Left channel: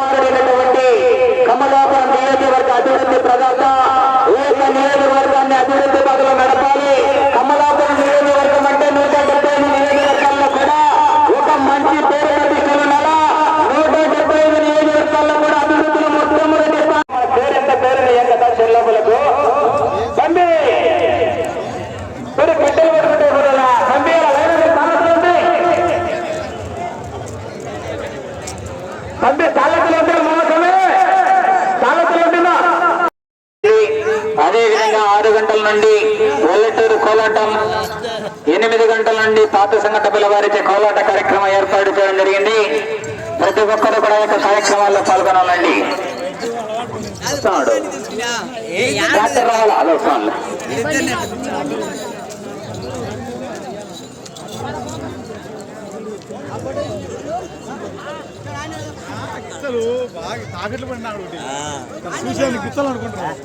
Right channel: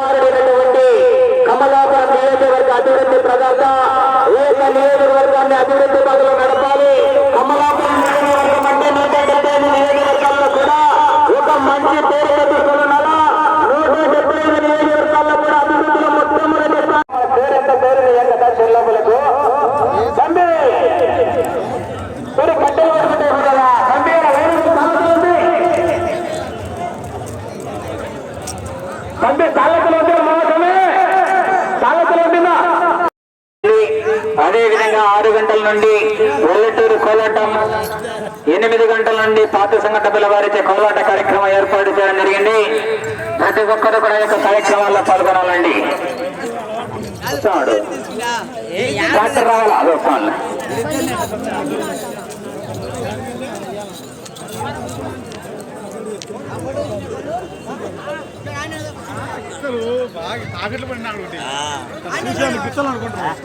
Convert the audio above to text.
మాట్లాడినటువంటి కమలాపురం నియోజకవర్గ అభివృద్ధి ప్రదాత ఏక నియోజకవర్గాన్ని అభివృద్ధి పదవులు నడపాలి. కమలాపురం నియోజకవర్గం అంటే నూట డెబ్బై ఐదు నియోజకవర్గాల్లో కూడా ఒక మంచి పేరు ప్రతిష్టల నూట డెబ్బై ఐదు నియోజకవర్గాల్లో కూడా అభివృద్ధిలో మొట్టమొదటి పేరెంత పేరు ఏం కదా చెల్లెమ్మలకు తండ్రి తాలకులు ఉంటే మోసమే తాలకులు ఉంటుందా అదే విధంగా ఆరు గంటల నుండి ఒల్లటూరు కోలాటం ఎనిమిది గంటల నుండి పాత సంగత పిల్లవారిచే కోలాట కార్యక్రమం ఏర్పాటు చేయడం జరిగింది ప్రతి ఒక్కరు కూడా ఈ యొక్క కార్యక్రమాల్లో పాల్గొనాలండి వస్తున్నాడు. డాక్టర్ రావాలా? వస్తున్నాడు. బాగా తాకట్లు పడినా ఒకటి చూసాను అనుకుంటున్నాను